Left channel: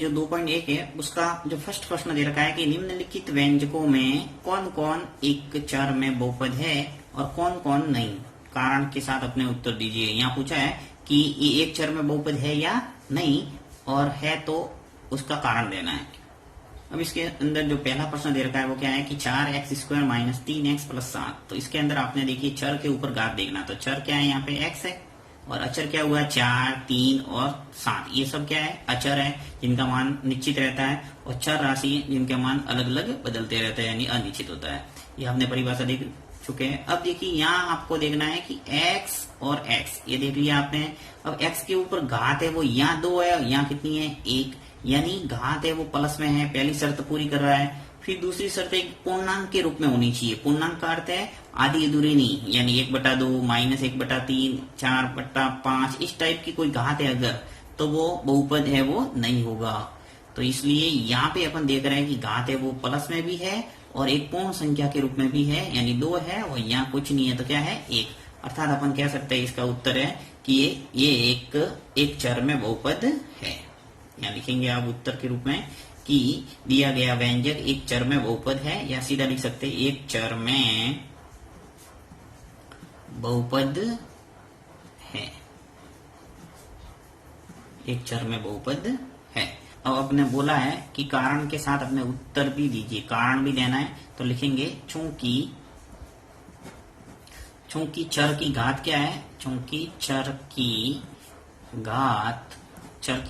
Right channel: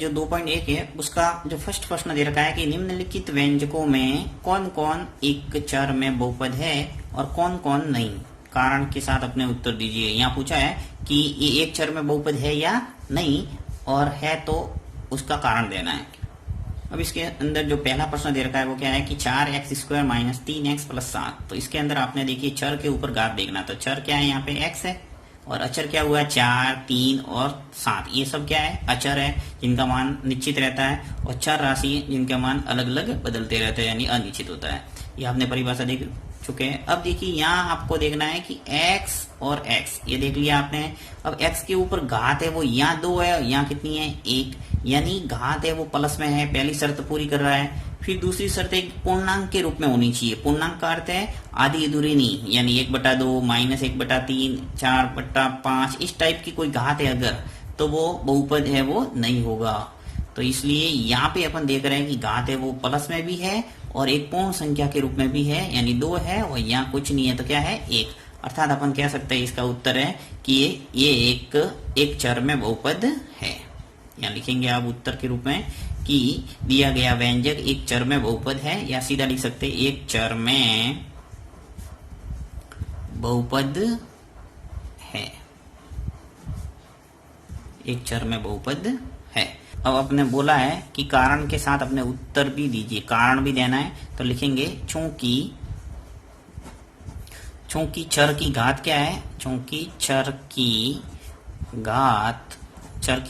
जो 2.1 है उसका जो फर्स्ट प्रश्न दे रखा है कि निम्नलिखित व्यंजकों में कौन कौन एक चर में बहुपद है और कौन कौन नहीं, कारण के साथ अपने उत्तर दीजिए। यहाँ पूछा है कि ये एक चर में बहुपद है या नहीं, और है तो उसका कारण देना है। अब इसके अंदर जो पहला प्रश्न दे रखा है वो क्या है कि 4x² - 3x + 7। तो इसके अंदर आपने देखिए चर के ऊपर घात देखना। तो चर क्या है, यहाँ पे x है, और अचर क्या हुआ है 4, 3 और 7। ये सब क्या है, अचर है जिनका मान निश्चित रहता है, और चर राशि जिनके मान अलग अलग बदलते रहते हैं यानी अनिश्चित होता है। ये आपने परिभाषा देख चुके हैं। अब देखिए यहाँ आपको देखना है कि x और x, ये देख लिया आपने। अब x के ऊपर घात है वो यहाँ 2 है, यहाँ कितनी है 1, यानी घात है वो प्लस में है, पहली शर्त पूरी कर रहा है। फिर दूसरी शर्त एक पूर्णांक के रूप में होनी चाहिए। पूर्णांक का अर्थ है आधी अधूरी नहीं, यानी 1/2 - 1/3 4/5 इस टाइप की कोई घात है अगर, तो वो बहुपद है वो नहीं होगा। तो इसलिए यहाँ पे अपन देख रहे हैं कि घात है वो प्लस में भी है और एक पूर्ण संख्या के रूप में भी है, यानी 2 है, और यहाँ कुछ नहीं है तो क्या है 1। अर्थात अपन कह सकते हैं इसका उत्तर है कि ये एक चर में बहुपद है। यहाँ लिखेंगे आप उत्तर के रूप में कि दिया गया व्यंजक एक चर में बहुपद है, या सीधा लिख सकते हैं एक चर में बहुपद है, एक चर में बहुपद है। अब आपने बोला है कि कारण के साथ अपने उत्तर भी दीजिए, कारण भी देना है। तो लिखेंगे चूंकि चर की घात क्या है, चूंकि चर की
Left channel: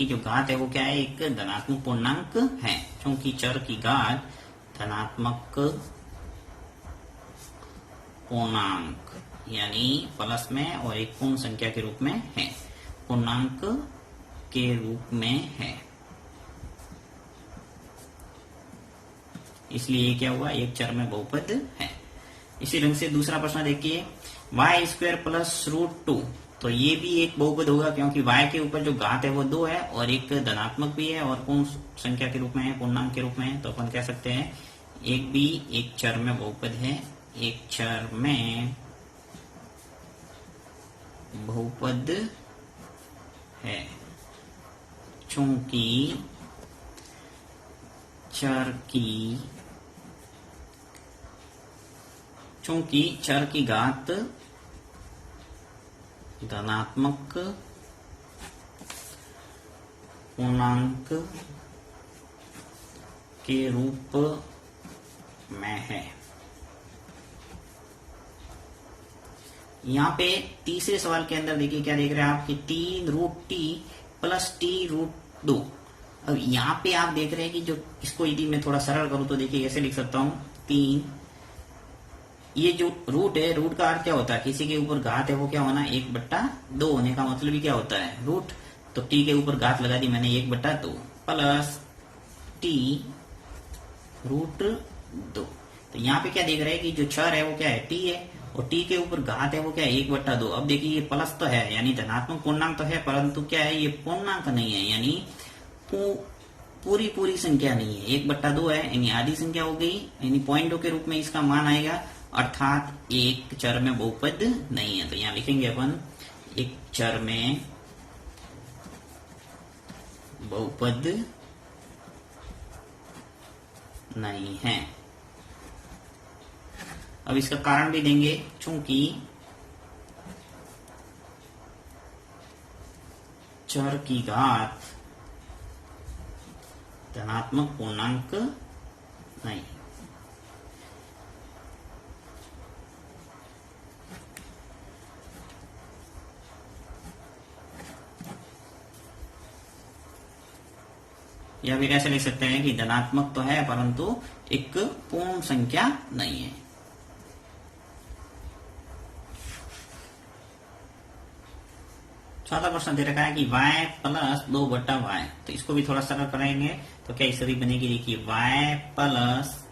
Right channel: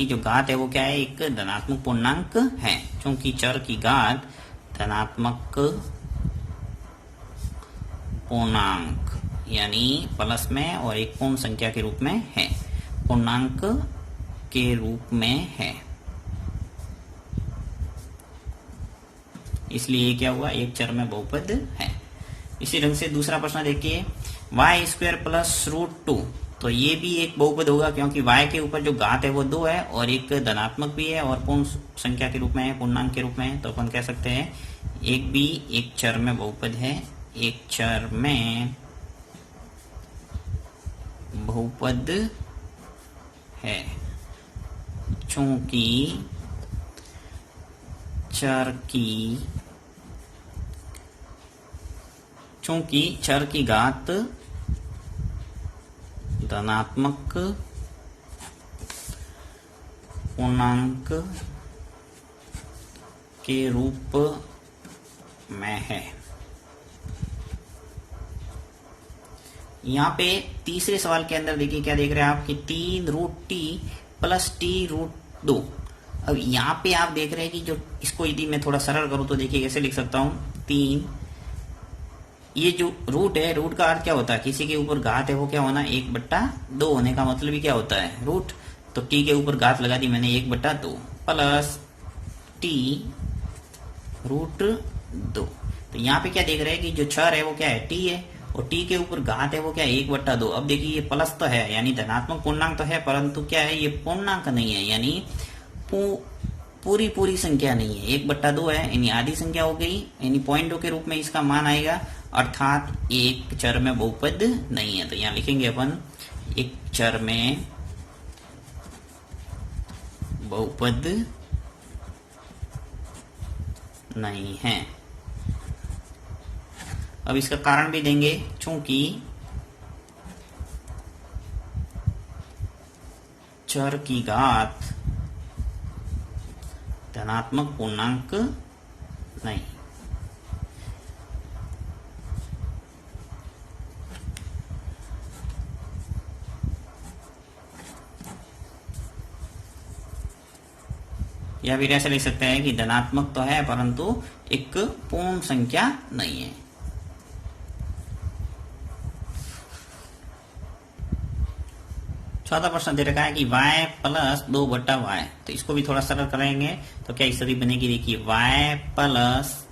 जो घात है वो क्या है, एक धनात्मक पूर्णांक है। चूंकि चर की घात धनात्मक पूर्णांक यानी प्लस में और एक पूर्ण संख्या के रूप में है, पूर्णांक के रूप में है, इसलिए क्या हुआ एक चर में बहुपद है। इसी ढंग से दूसरा प्रश्न देखिए, y² + √2। तो ये भी एक बहुपद होगा क्योंकि y के ऊपर जो घात है वो 2 है और एक धनात्मक भी है और पूर्ण संख्या के रूप में है, पूर्णांक के रूप में है। तो अपन कह सकते हैं एक भी एक चर में बहुपद है, एक चर में बहुपद है चूंकि चर की घात धनात्मक पूर्णांक के रूप में है। यहाँ पे तीसरे सवाल के अंदर देखिए क्या देख रहे हैं आप कि 3√t + t√2। अब यहाँ पे आप देख रहे हैं कि जो इसको यदि मैं थोड़ा सरल करूं तो देखिए कैसे लिख सकता हूं 3, ये जो रूट है, रूट का अर्थ क्या होता है, किसी के ऊपर घात है वो क्या होना 1/2 होने का मतलब ही क्या होता है रूट। तो t के ऊपर घात लगा दी मैंने 1/2 प्लस t√2। तो यहाँ पे क्या देख रहे हैं कि जो चर है वो क्या है t है और t के ऊपर घात है वो क्या है 1/2। अब देखिए ये प्लस तो है यानी धनात्मक पूर्णांक तो है, परंतु क्या है ये पूर्णांक नहीं है, यानी पूरी संख्या नहीं है, 1/2 है यानी आधी संख्या हो गई, यानी 0.2 के रूप में इसका मान आएगा, अर्थात एक चर में बहुपद नहीं है। तो यहाँ लिखेंगे अपन एक चर में बहुपद नहीं है। अब इसका कारण भी देंगे, चूंकि चर की घात धनात्मक पूर्णांक नहीं। या फिर ऐसा लिख सकते हैं कि धनात्मक तो है परंतु एक पूर्ण संख्या नहीं है। चौथा प्रश्न दे रखा है कि y + 2/y। तो इसको भी थोड़ा सरल कराएंगे तो क्या स्थिति बनेगी, देखिए y प्लस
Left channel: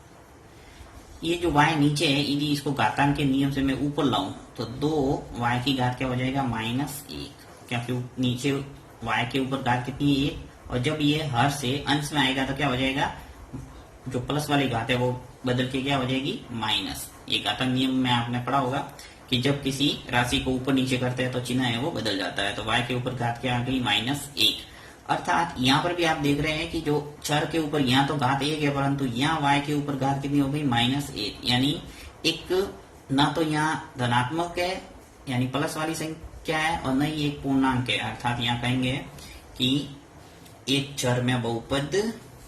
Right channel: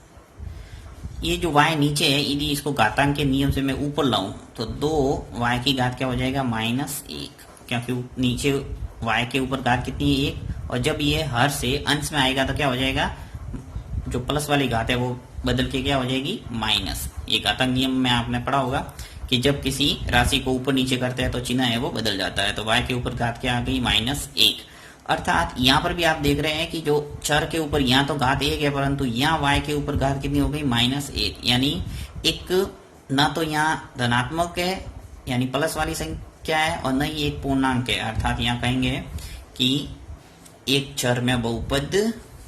ये जो y नीचे है यदि इसको घातांक के नियम से मैं ऊपर लाऊं तो 2y की घात क्या हो जाएगा -1, क्योंकि नीचे y के ऊपर घात कितनी है 1, और जब ये हर से अंश में आएगा तो क्या हो जाएगा, जो प्लस वाली घात है वो बदल के क्या हो जाएगी माइनस। ये घातांक नियम में आपने पढ़ा होगा कि जब किसी राशि को ऊपर नीचे करते हैं तो चिन्ह है वो बदल जाता है। तो y के ऊपर घात क्या आ गई -1। अर्थात यहाँ पर भी आप देख रहे हैं कि जो चर के ऊपर यहाँ तो घात 1 है, परंतु यहाँ y के ऊपर घात कितनी हो गई -1, यानी एक ना तो यहाँ धनात्मक है यानी प्लस वाली संख्या है और न ही एक पूर्णांक है। अर्थात यहाँ कहेंगे कि एक चर में बहुपद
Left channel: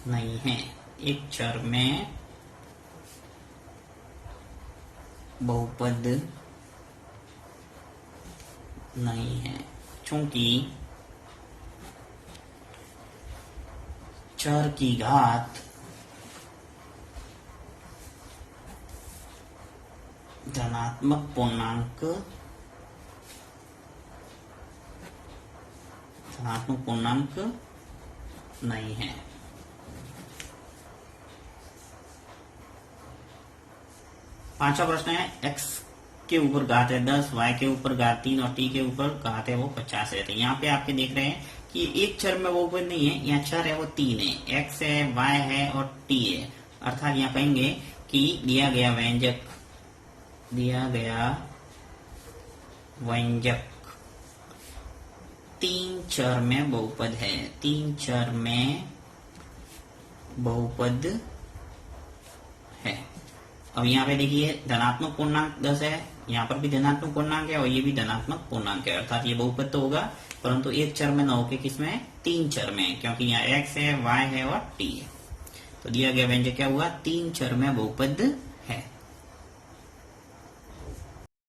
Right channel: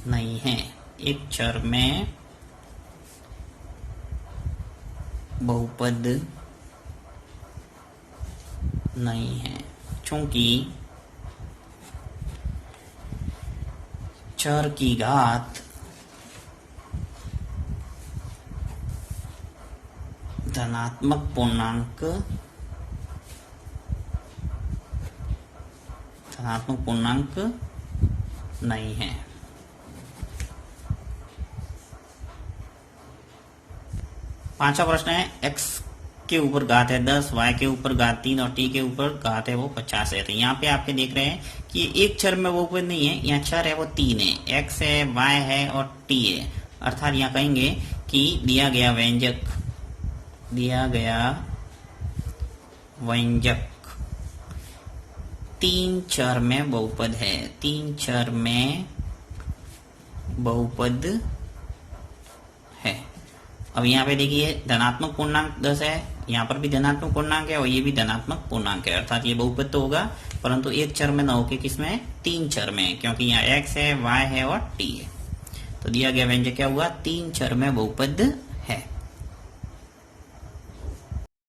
नहीं है, एक चर में बहुपद नहीं है, क्योंकि चर की घात धनात्मक पूर्णांक नहीं है। पांचवा प्रश्न है x के ऊपर घात है 10, y के ऊपर घात 3 और t के ऊपर घात है वो 50 है। तो यहाँ पे आपके देख रहे हैं कि एक चर में वो बहुपद नहीं है, यहाँ चर है वो 3 है, x है, y है और t है। अर्थात यहाँ कहेंगे कि दिया गया व्यंजक 3 चर में बहुपद है, 3 चर में बहुपद है। अब यहाँ पे देखिए धनात्मक पूर्णांक 10 है, यहाँ पर भी धनात्मक पूर्णांक है और ये भी धनात्मक पूर्णांक है। अर्थात ये बहुपद तो होगा, परंतु एक चर में न होके किसमें 3 चर में, क्योंकि यहाँ x है, y है और t है। तो दिया गया व्यंजक क्या हुआ, 3 चर में बहुपद